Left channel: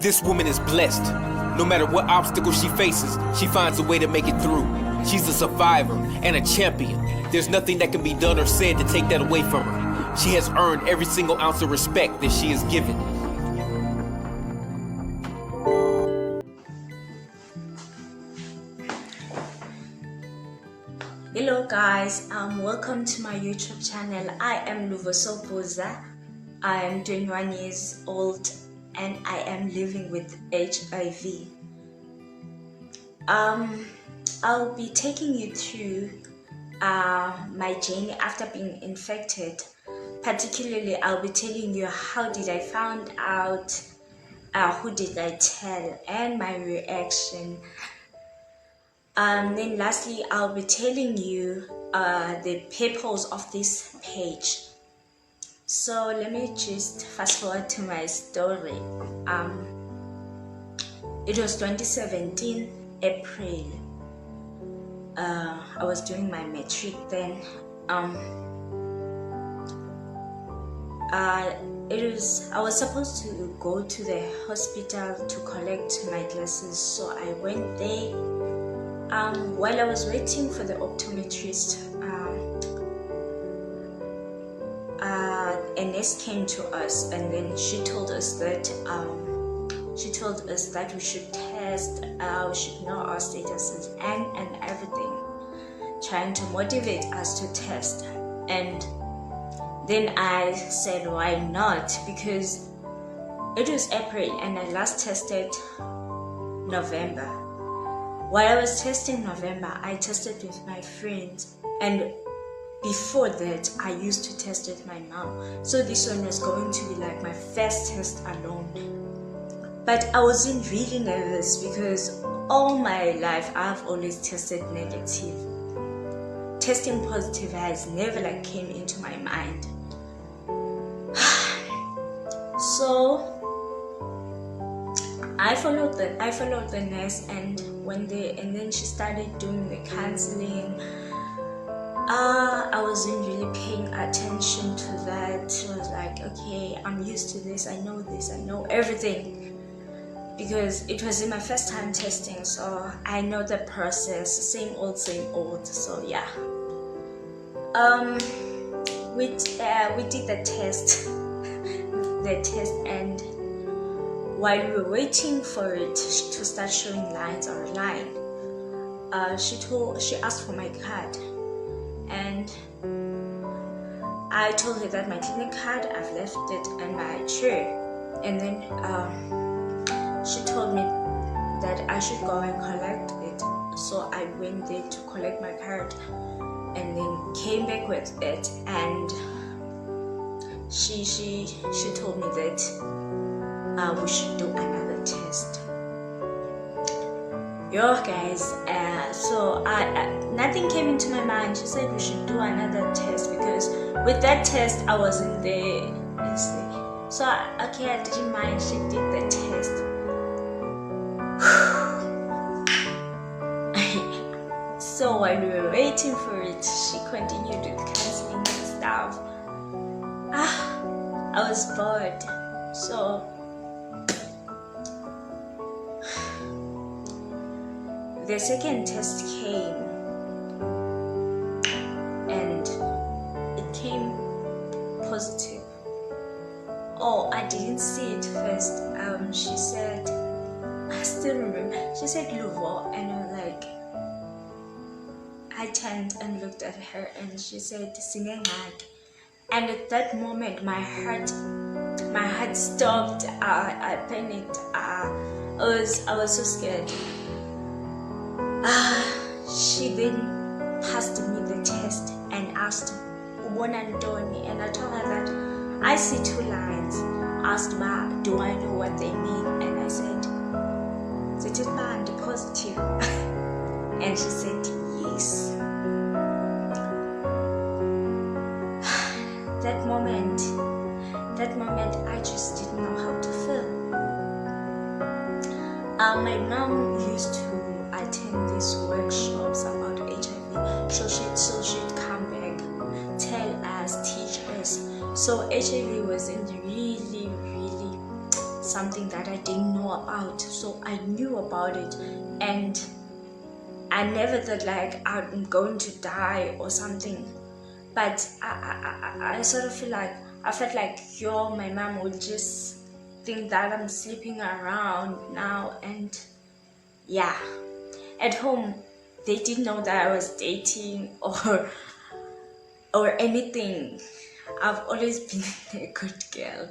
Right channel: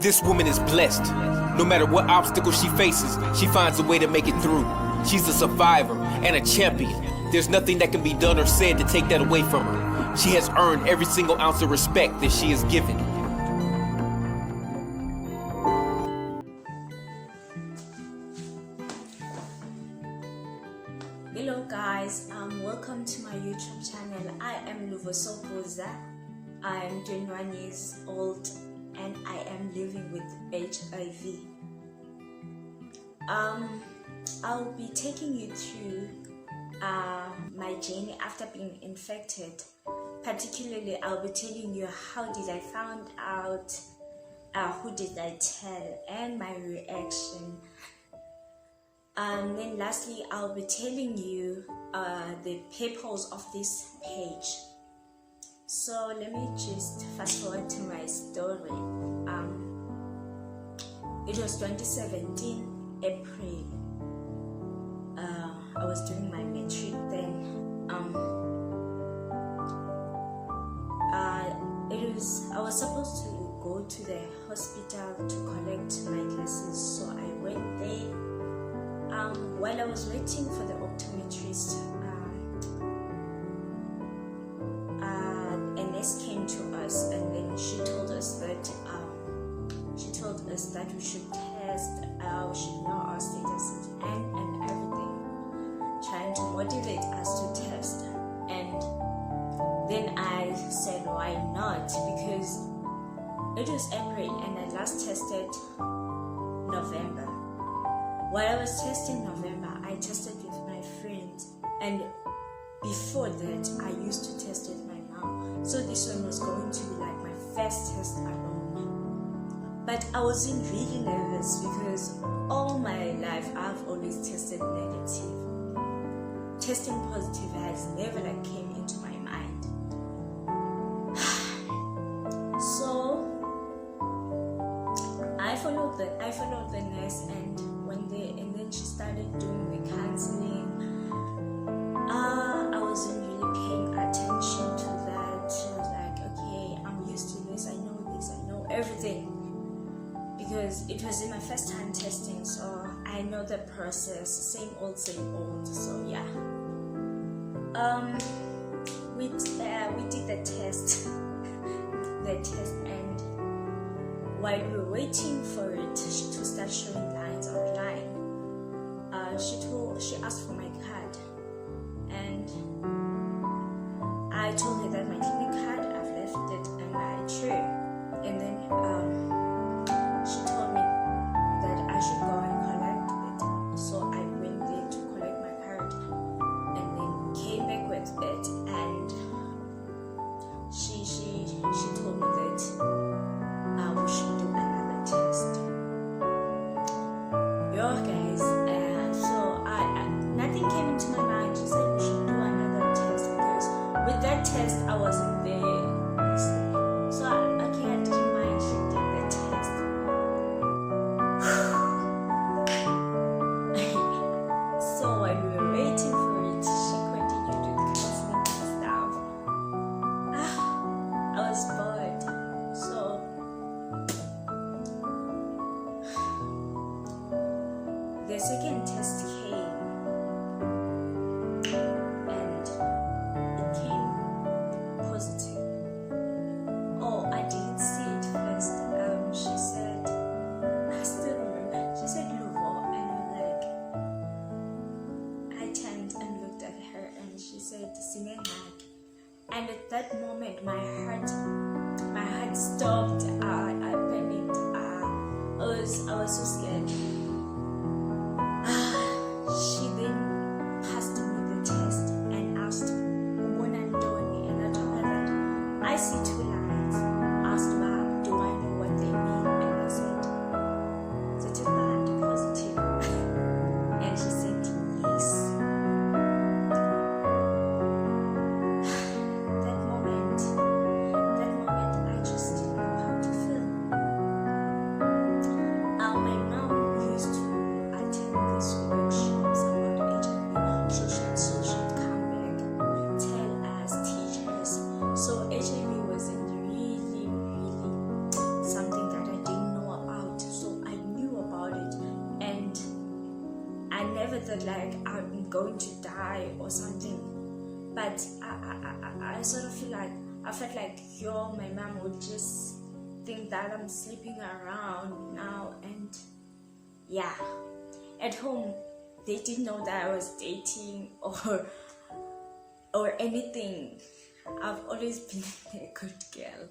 This woman is blessed. No matter what obstacle she faces, she finds a way to make it through. She's a survivor and a champion. There's nothing that can be done or said to take that away from her. She has earned every single ounce of respect that she is given. Hello guys, welcome to my YouTube channel. I am Luvosopuza. I am 21 years old and I am living with HIV. I'll be taking you through my journey after being infected. Particularly, I'll be telling you how did I find out, who did I tell, and my reaction. Then lastly, I'll be telling you the purpose of this page. So let me just fast forward to my story. It was 2017 April. I was doing my matric then. I was supposed to go to the hospital to collect my glasses, so I went there. While I was waiting for the optometrist, a nurse came to us, and then she told us that we should test, we should know our statuses and everything, trying to motivate us to test. And then I said, why not? Because it was April and I last tested November. While I was testing November, I tested with my friends, and before that, I used to test with my mom. So this one was going to be like my first test alone. But I wasn't really nervous because all my life I've always tested negative. Testing positive has never came into my mind. So I followed the nurse and then she started doing the counseling. I wasn't really paying attention to that. She was like, okay, I'm used to this, I know everything. Because it was my first time testing, so I know the process, same old. So yeah. We did the test, and while we were waiting for it to start showing lines online, she asked for my card, and I told her that my clinic card, I've left it in my chair, and then she told me that I should go and collect it. So I went there to collect my card, and then came back with it, and she told me that we should do another test. Yo guys, so nothing came into my mind. She said we should do another test because with that test I wasn't there. So okay, I didn't mind. She did the test. So while we were waiting for it, she continued with counseling and stuff. I was bored. So the second test came, and it came positive. Oh, I didn't see it first. She said, I still remember, she said Luvo, and I'm like, I turned and looked at her, and she said Singengag. And at that moment my heart stopped. I panicked. I was so scared. She then passed me the test and asked Ubonantoni, and I told her that I see two lines. Asked Ma, do I know what they mean? And I said, Zitibandi positive. And she said yes. That moment I just didn't know how to feel. My mom used to attend these workshops about HIV, so she'd come back, tell us, teach us. So HIV wasn't really something that I didn't didn't know about. So I knew about it, and I never thought like I'm going to die or something. But I sort of felt like my mom would just think that I'm sleeping around now. And yeah, at home they didn't know that I was dating or anything. I've always been a good girl.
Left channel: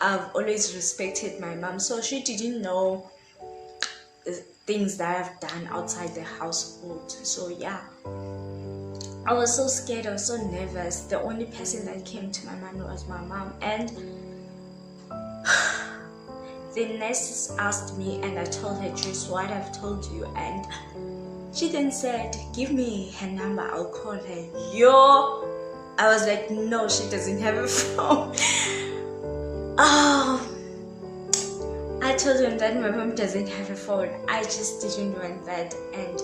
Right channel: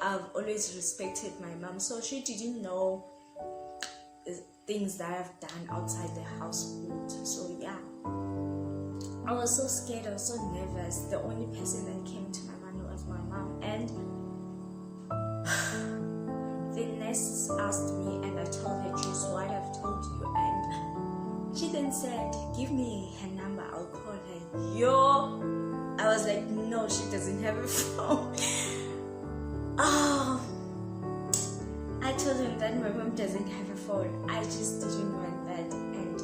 I've always respected my mom, so she didn't know the things that I've done outside the household. So yeah, I was so scared, I was so nervous. The only person that came to my mind was my mom. And the nurses asked me, and I told her just what I've told you. And she then said, give me her number, I'll call her. Yo, I was like, no, she doesn't have a phone. I told him that my mom doesn't have a phone. I just didn't want that. And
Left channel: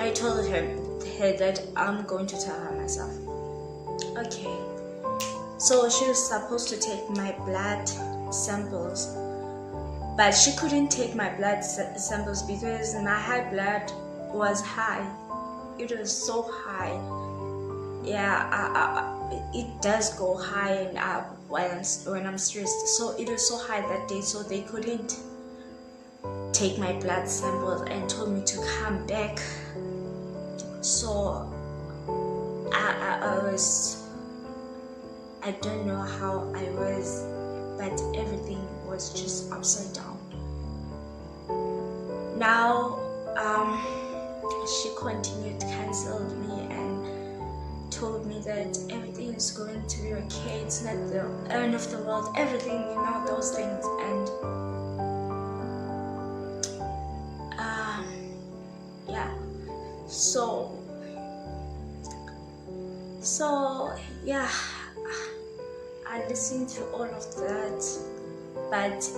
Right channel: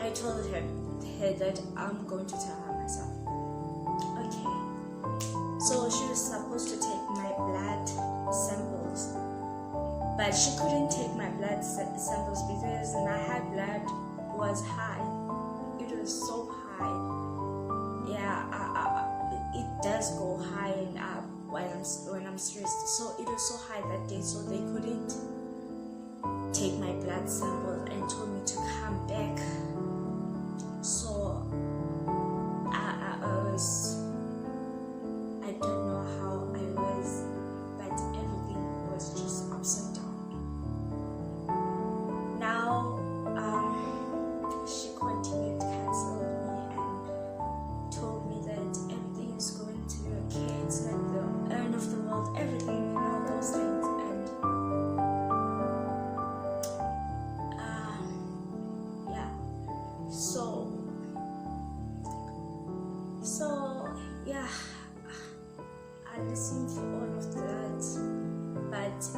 I told her that I'm going to tell her myself. Okay. So she was supposed to take my blood samples, but she couldn't take my blood samples because my high blood was high. It was so high. Yeah, it does go high and up when I'm stressed. So it was so high that day, so they couldn't take my blood samples and told me to come back. So I don't know how I was, but everything was just upside down. Now she continued to cancel me and told me that everything is going to be okay, it's not the end of the world, everything, those things. And yeah, so yeah, I listened to all of that, but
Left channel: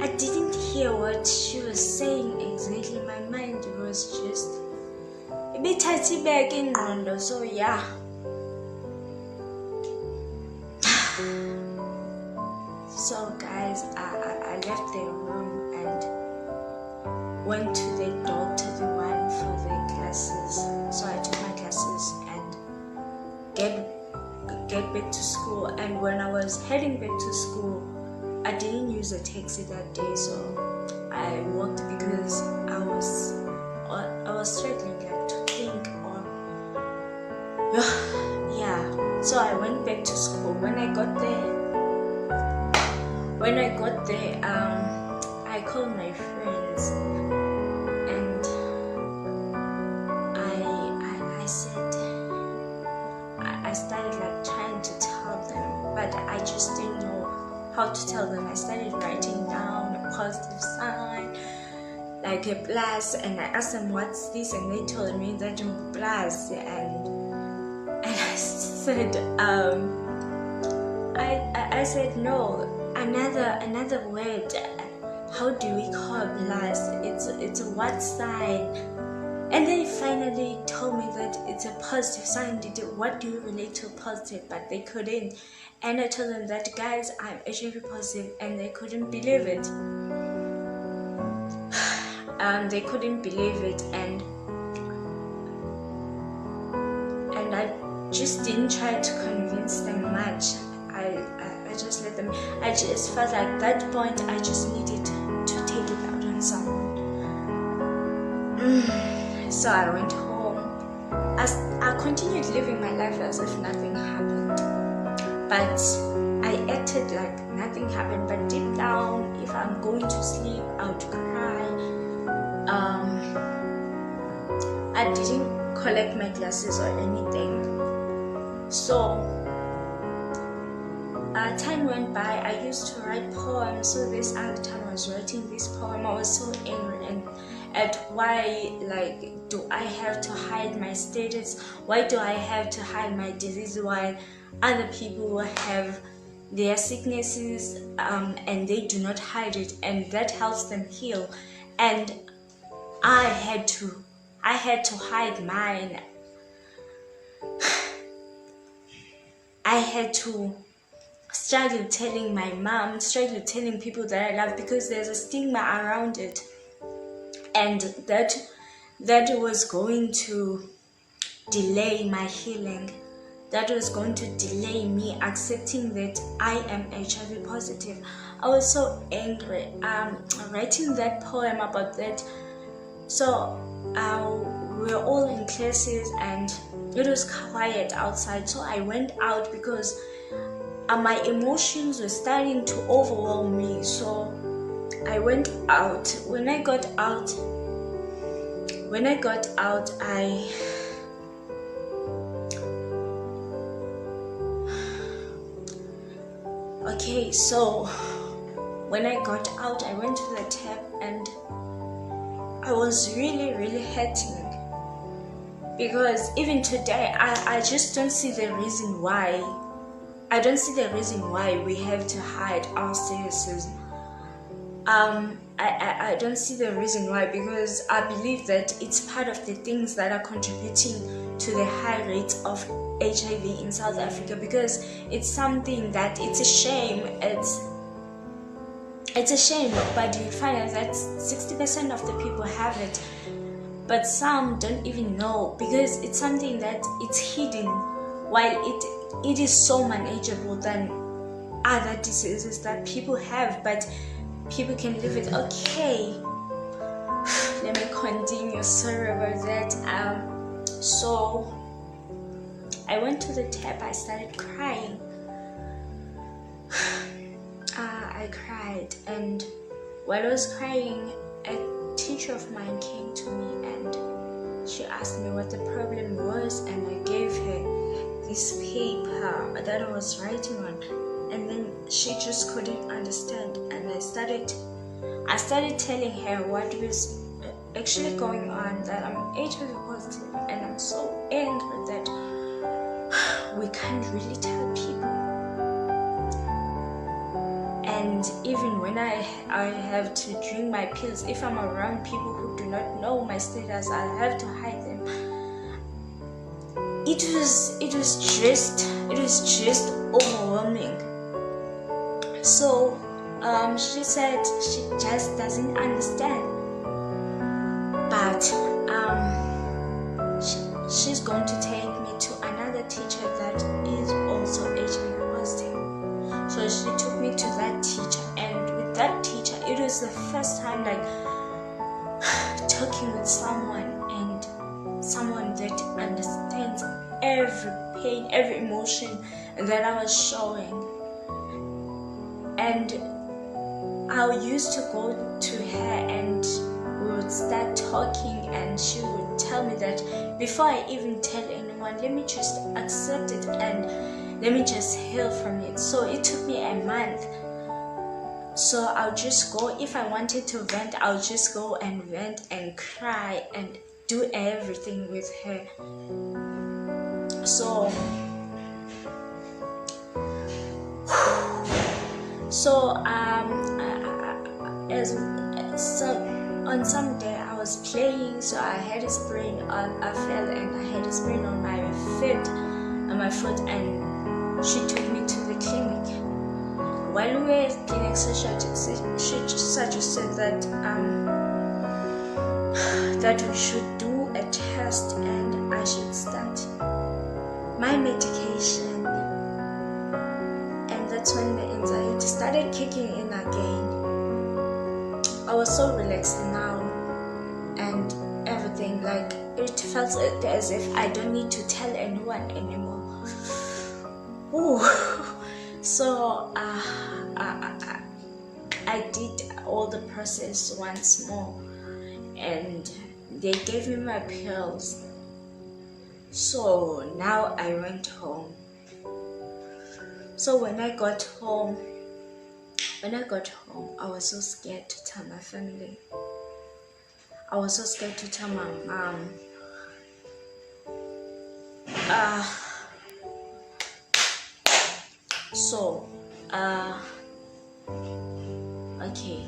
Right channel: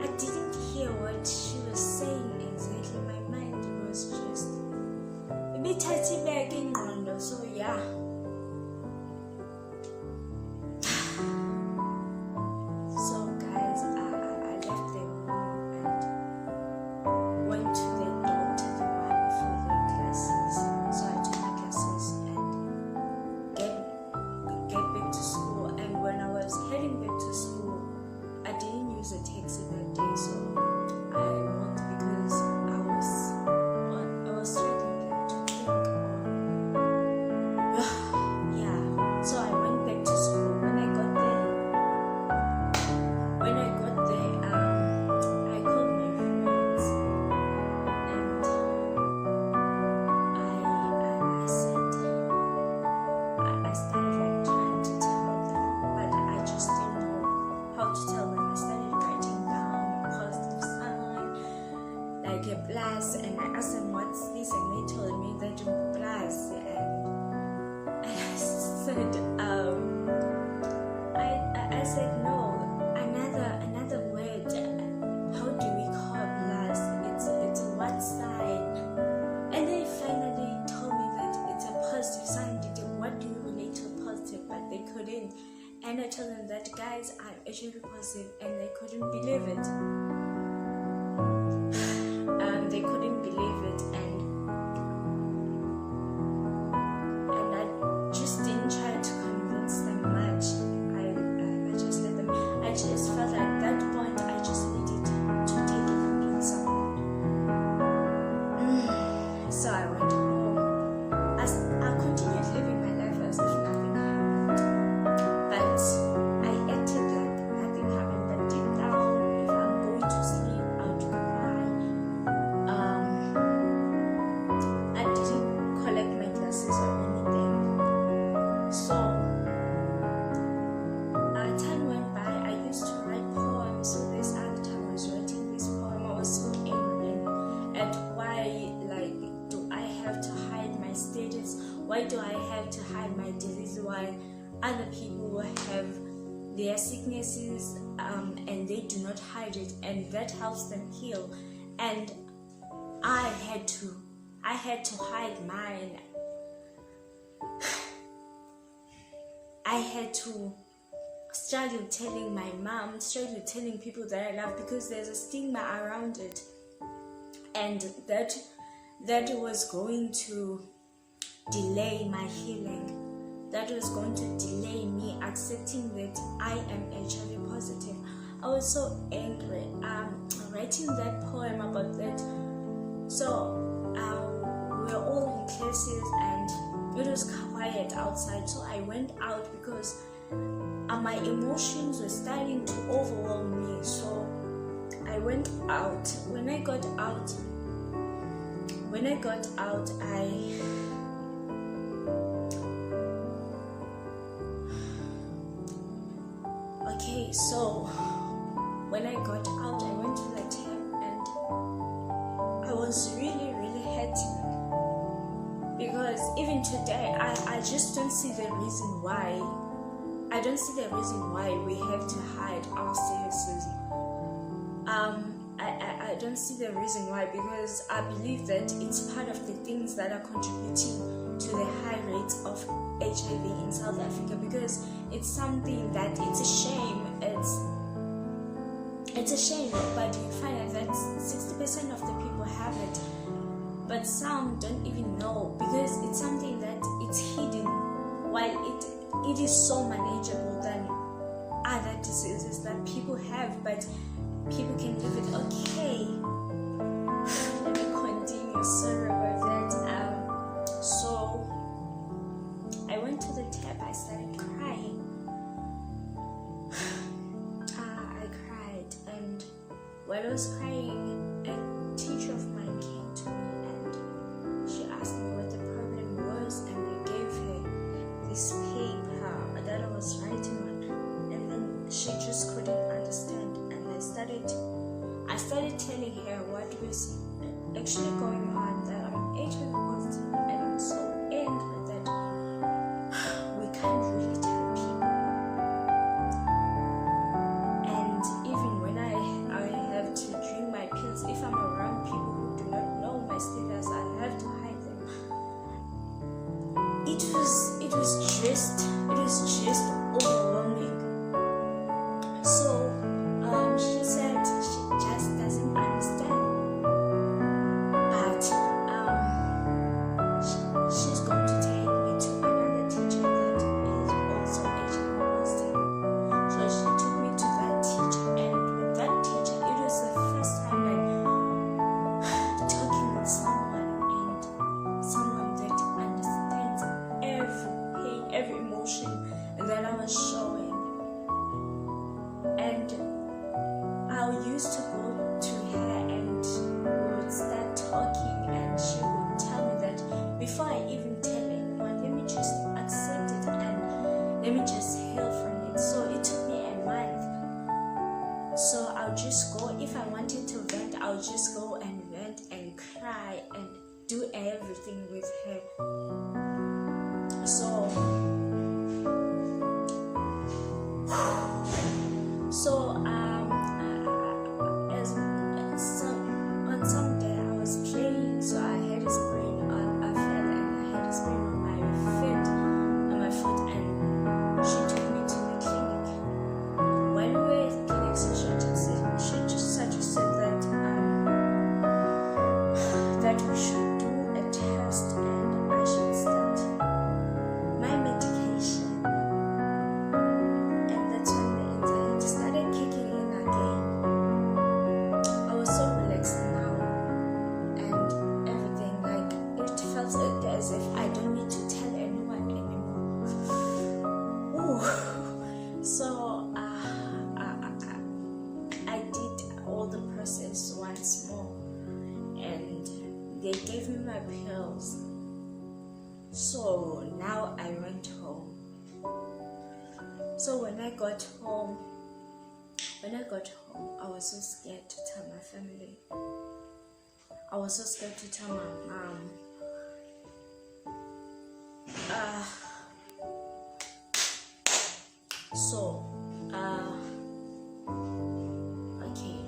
I didn't hear what she was saying exactly. My mind was just a bit tight back in Rondo. So yeah. So guys, I left the room and went to the doctor, the one for the classes. So I took my classes and get back to school. And when I was heading back to school, I didn't use a taxi that day, so I walked because I was struggling to think on yeah. So I went back to school. When I got there, I called my friends and I said, I started trying to tell them, but I just didn't know how to tell them. I started writing down a positive sign, like a plus, and I asked them what's this, and they told me that a plus, and I said I said no, another word. How do we call plus? It's a what sign? And they finally told me that it's a positive sign. What do you relate to positive? But they couldn't. And I told them that, guys, I'm HIV positive, and they couldn't believe it. They couldn't believe it, and I just didn't try to convince them much. I just let them. I just felt like at that point I just needed to take it out on someone. So I went home. I continued living my life as if nothing happened, but I acted like nothing happened. But deep down, if I'm going to sleep, I would cry. I didn't collect my glasses or anything. So time went by. I used to write poems. So this other time I was writing this poem, I was so angry at why, do I have to hide my status? Why do I have to hide my disease while other people have their sicknesses and they do not hide it, and that helps them heal? And I had to hide mine. I I had to struggle telling my mom, struggle telling people that I love, because there's a stigma around it, and that was going to delay my healing. That was going to delay me accepting that I am HIV positive. I was so angry. Writing that poem about that. So we were all in classes and it was quiet outside. So I went out because my emotions were starting to overwhelm me. So I went out. When I got out, so when I got out, I went to the tap and I was really, really hurting, because even today I just don't see the reason why. I don't see the reason why we have to hide our statuses. I don't see the reason why, because I believe that it's part of the things that are contributing to the high rates of HIV in South Africa, because it's something that it's a shame. It's a shame, but you find out that 60% of the people have it, but some don't even know, because it's something that it's hidden, while it is so manageable than other diseases that people have, but people can live with. Okay, let me continue. Sorry about that. So I went to the tap. I started crying. I cried, and while I was crying, a teacher of mine came to me and she asked me what the problem was, and I gave her this paper that I was writing on, and then she just couldn't understand. And I started telling her what was actually going on, that I'm HIV positive, and I'm so angry that we can't really tell people. And even when I have to drink my pills, if I'm around people who do not know my status, I have to hide them. It was just overwhelming. So she said she just doesn't understand, but she's going to take me to another teacher that is also HIV positive. So she took me to that teacher, and with that teacher, it was the first time like talking with someone, and someone that understands every pain, every emotion that I was showing. And I used to go to her and we would start talking, and she would tell me that before I even tell anyone, let me just accept it and let me just heal from it. So it took me a month. So I'll just go, if I wanted to vent, I'll just go and vent and cry and do everything with her. So on some day I was playing, so I had a sprain. I fell and I had a sprain on my foot, and she took me to the clinic. While we were at the clinic, she suggested that we should do a test and I should start my medication. And that's when the anxiety started kicking in again. I was so relaxed now, and everything, like, it felt as if I don't need to tell anyone anymore. Ooh. So I did all the process once more, and they gave me my pills. So now I went home. So when I got home, I was so scared to tell my family. I was so scared to tell my mom. Okay.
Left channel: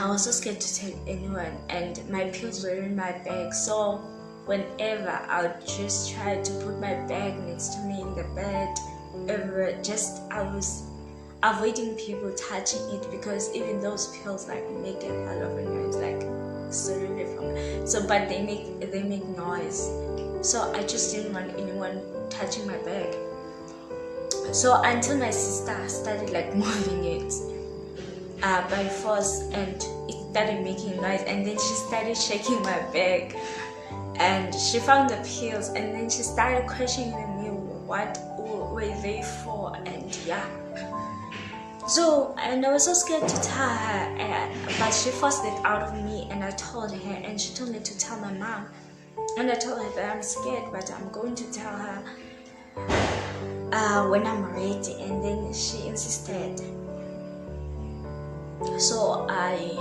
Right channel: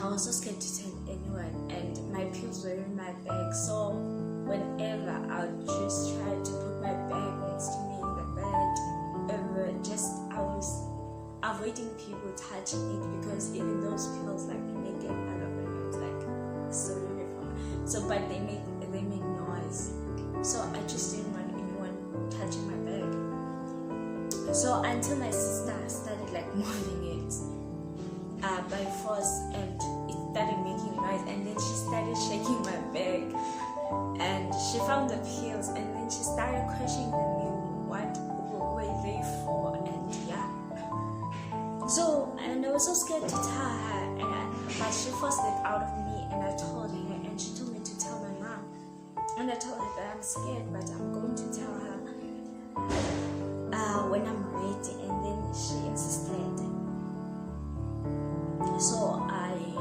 I was so scared to tell anyone, and my pills were in my bag. So whenever I would just try to put my bag next to me in the bed, I was avoiding people touching it, because even those pills like make a hell of a noise, like sorry from so, but they make noise. So I just didn't want anyone touching my bag. So until my sister started like moving it by force, and it started making noise, and then she started shaking my bag, and she found the pills, and then she started questioning me what were they for, and yeah. So, and I was so scared to tell her, but she forced it out of me, and I told her, and she told me to tell my mom, and I told her that I'm scared, but I'm going to tell her when I'm ready, and then she insisted. So I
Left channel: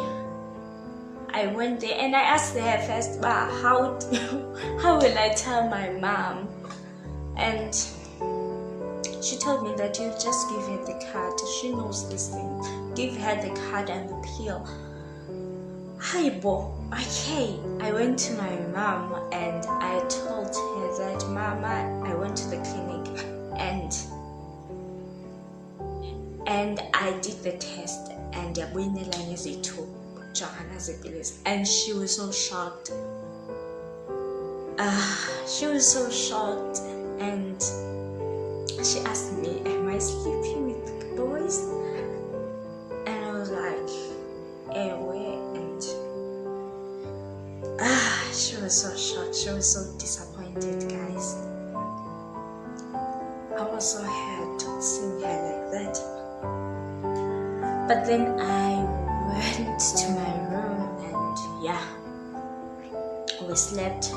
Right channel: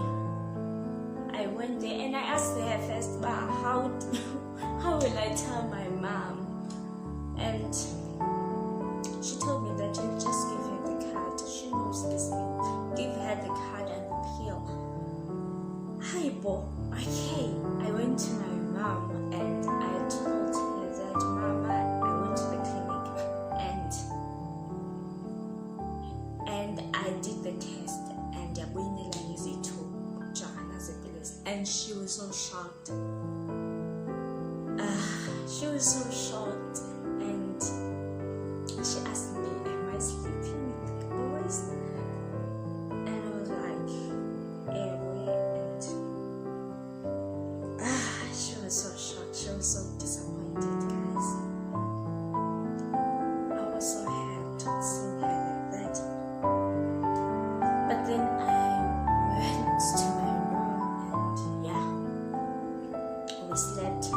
went there, and I asked her first, but how will I tell my mom? And she told me that you just give her the card. She knows this thing. Give her the card and the pill. Bo. Okay. I went to my mom and I told her that, Mama, I went to the clinic and I did the test, and and she was so shocked. She was so shocked, and she asked me, am I sleeping with boys? And I was like, and she was so shocked. She was so disappointed, guys. I was so hurt seeing her like that. But then I went to my room, and yeah, we slept.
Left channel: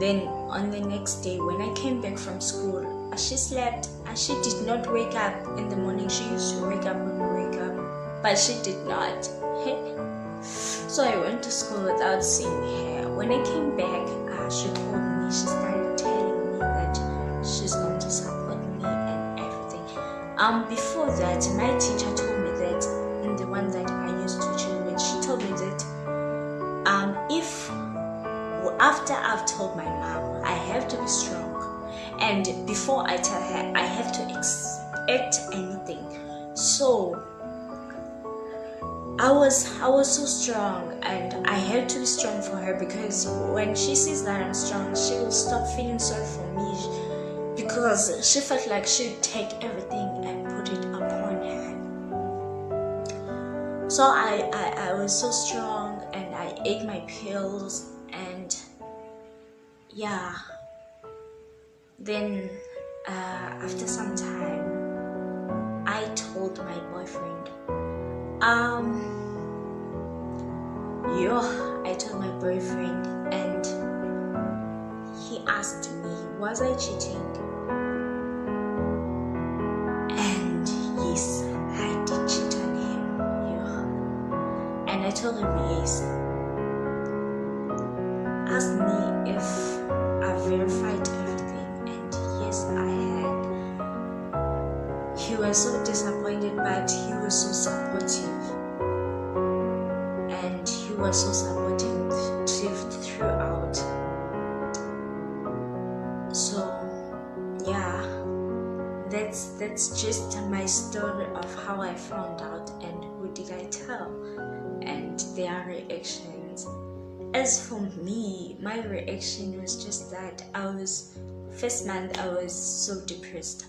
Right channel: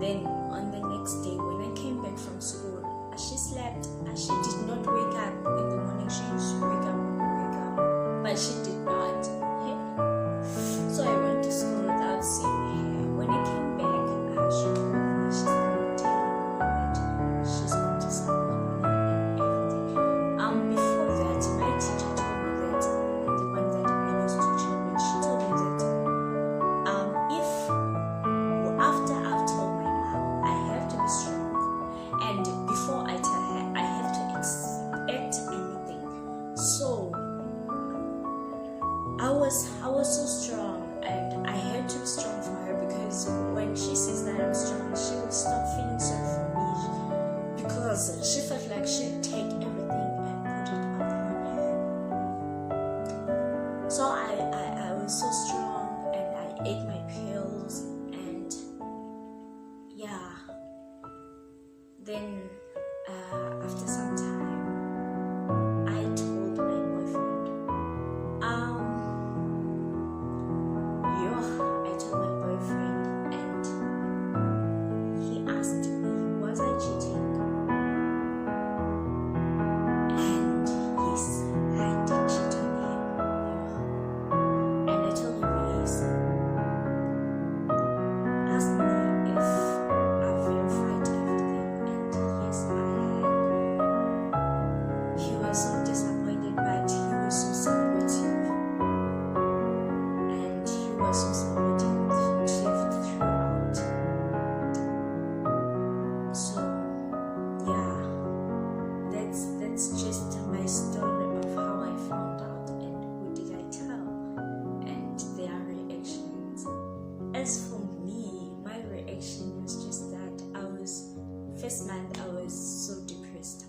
Then on the next day, when I came back from school, she slept. She did not wake up in the morning. She used to wake up when we wake up, but she did not. So I went to school without seeing her. When I came back, she told me, she started telling me that she's going to support me and everything. Before that, my teacher told me that, and the one that I used to chill with, she told me that if after I've told my mom, I have to be strong, and before I tell her, I have to expect anything. So I was so strong, and I had to be strong for her, because when she sees that I'm strong, she will stop feeling sorry for me, because she felt like she'd take everything and put it upon her. So I was so strong, and I ate my pills, and yeah. Then after some time, I told my boyfriend, I told my boyfriend, and he asked me, was I cheating? And yes, I did cheat on him. And I told him yes. Asked me if I verified everything, and yes, I had. He was so disappointed, but he was so supportive. Was so supportive throughout. So yeah, that's just my story of how I found out and who did I tell, and their reactions. As for me, my reaction was just that first month I was so depressed,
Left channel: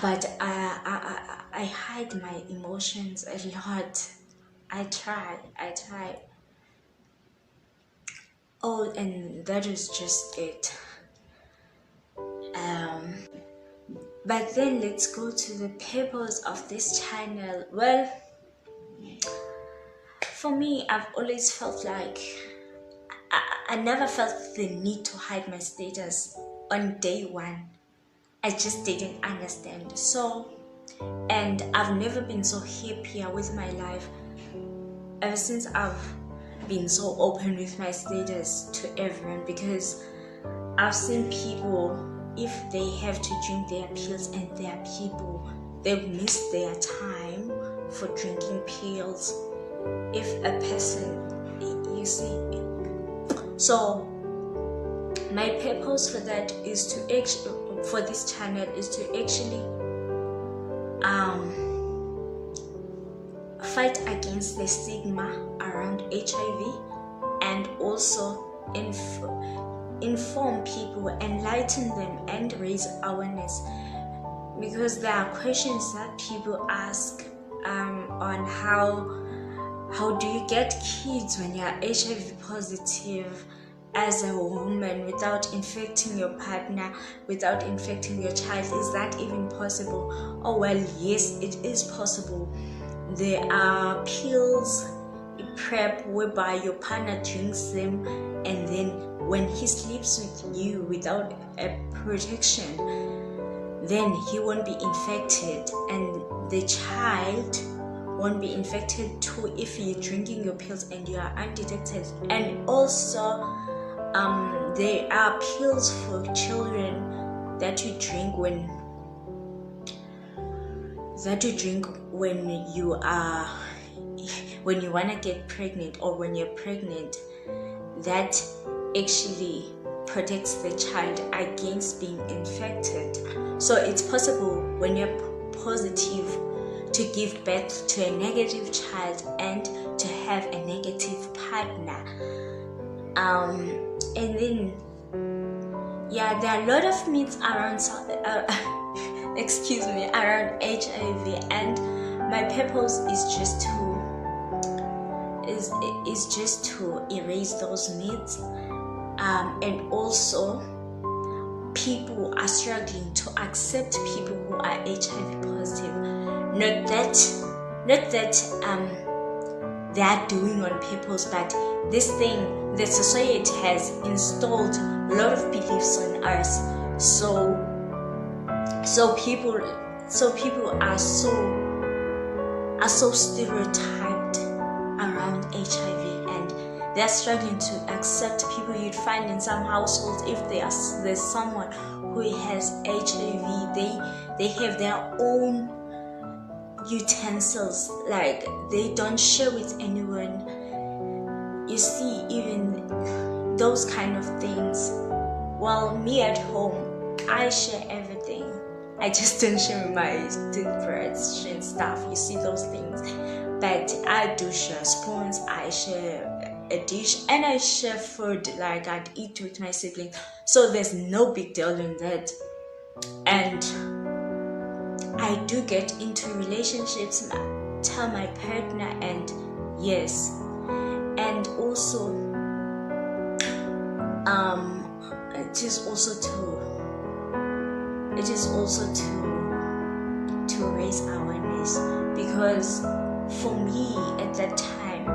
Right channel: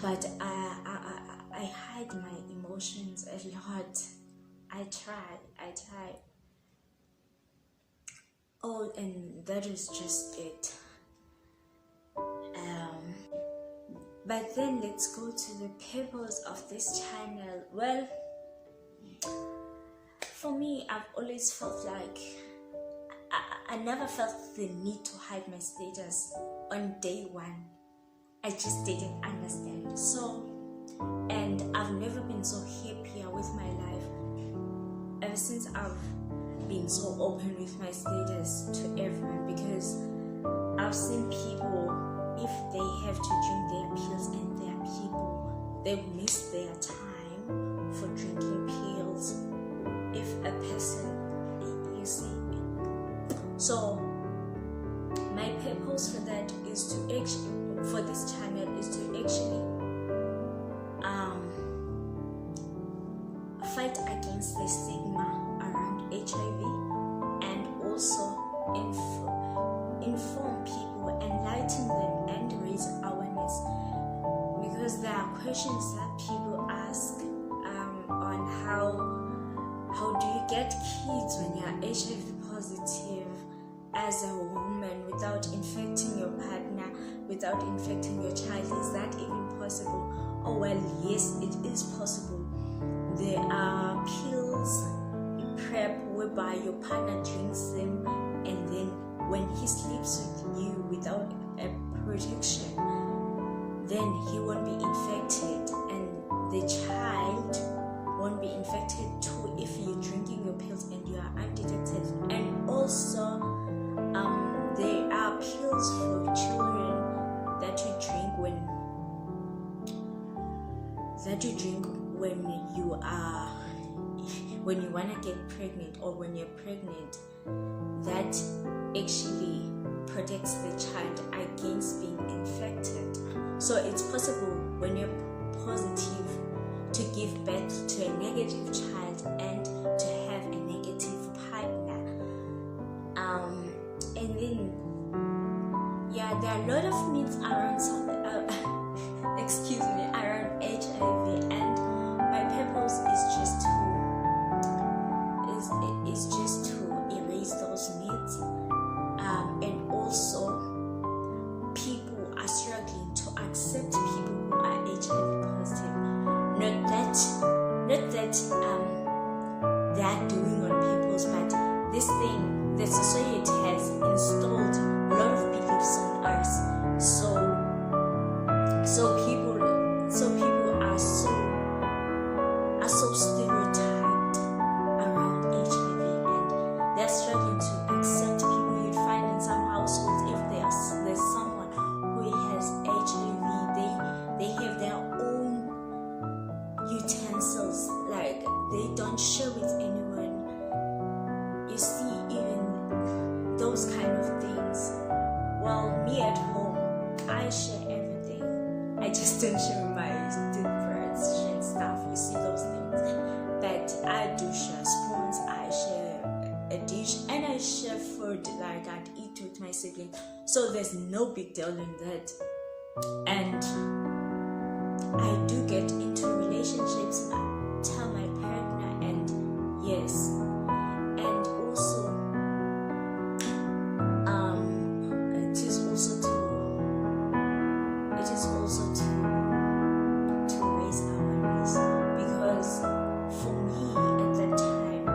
but I hide my emotions a lot. I tried. Oh, and that is just it. But then let's go to the purpose of this channel. Well, for me, I've always felt like I never felt the need to hide my status on day one. I just didn't understand. So, and I've never been so happier with my life ever since I've been so open with my status to everyone, because I've seen people, if they have to drink their pills, and there are people, they miss their time for drinking pills. If a person, you see, So my purpose for that is to for this channel is to actually fight against the stigma around HIV, and also inform people, enlighten them, and raise awareness, because there are questions that people ask on how do you get kids when you are HIV positive as a woman without infecting your partner, without infecting your child. Is that even possible? Oh well, yes, it is possible. There are pills, PrEP, whereby your partner drinks them, and then when he sleeps with you without a protection, then he won't be infected, and the child won't be infected too if you're drinking your pills and you are undetected. And also there are pills for children that you drink when you want to get pregnant, or when you're pregnant, that actually protects the child against being infected. So it's possible when you're positive to give birth to a negative child and to have a negative partner. And then there are a lot of myths around around HIV, and my purpose is just to erase those myths. And also, people are struggling to accept people who are HIV positive. Not that they are doing on purpose, but this thing, the society has installed a lot of beliefs on us. So people are so stereotyped around HIV, and they're struggling to accept people. You'd find in some households, if there's someone who has HIV, they have their own utensils, like they don't share with anyone. You see, even those kind of things. Well, me at home, I share everything. I just don't share my toothbrush and stuff. You see those things, but I do share spoons. I share a dish, and I share food, like I'd eat with my siblings. So there's no big deal in that. And I do get into relationships, tell my partner, and yes, and also it is also to raise awareness, because for me at that time,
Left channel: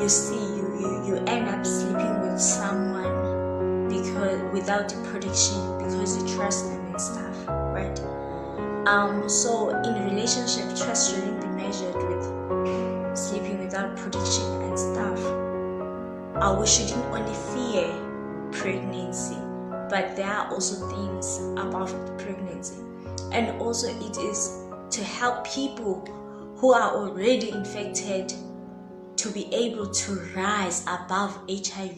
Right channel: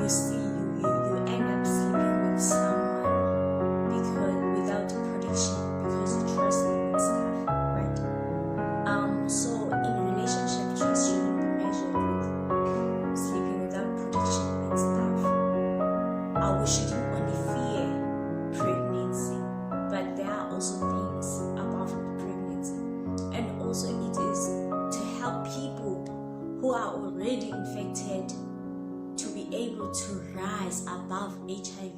you see, you end up sleeping with someone because without protection, because you trust them and stuff, right? So in a relationship, trust shouldn't be measured with sleeping without protection and stuff. We shouldn't only fear pregnancy, but there are also things above pregnancy. And also it is to help people who are already infected to be able to rise above HIV.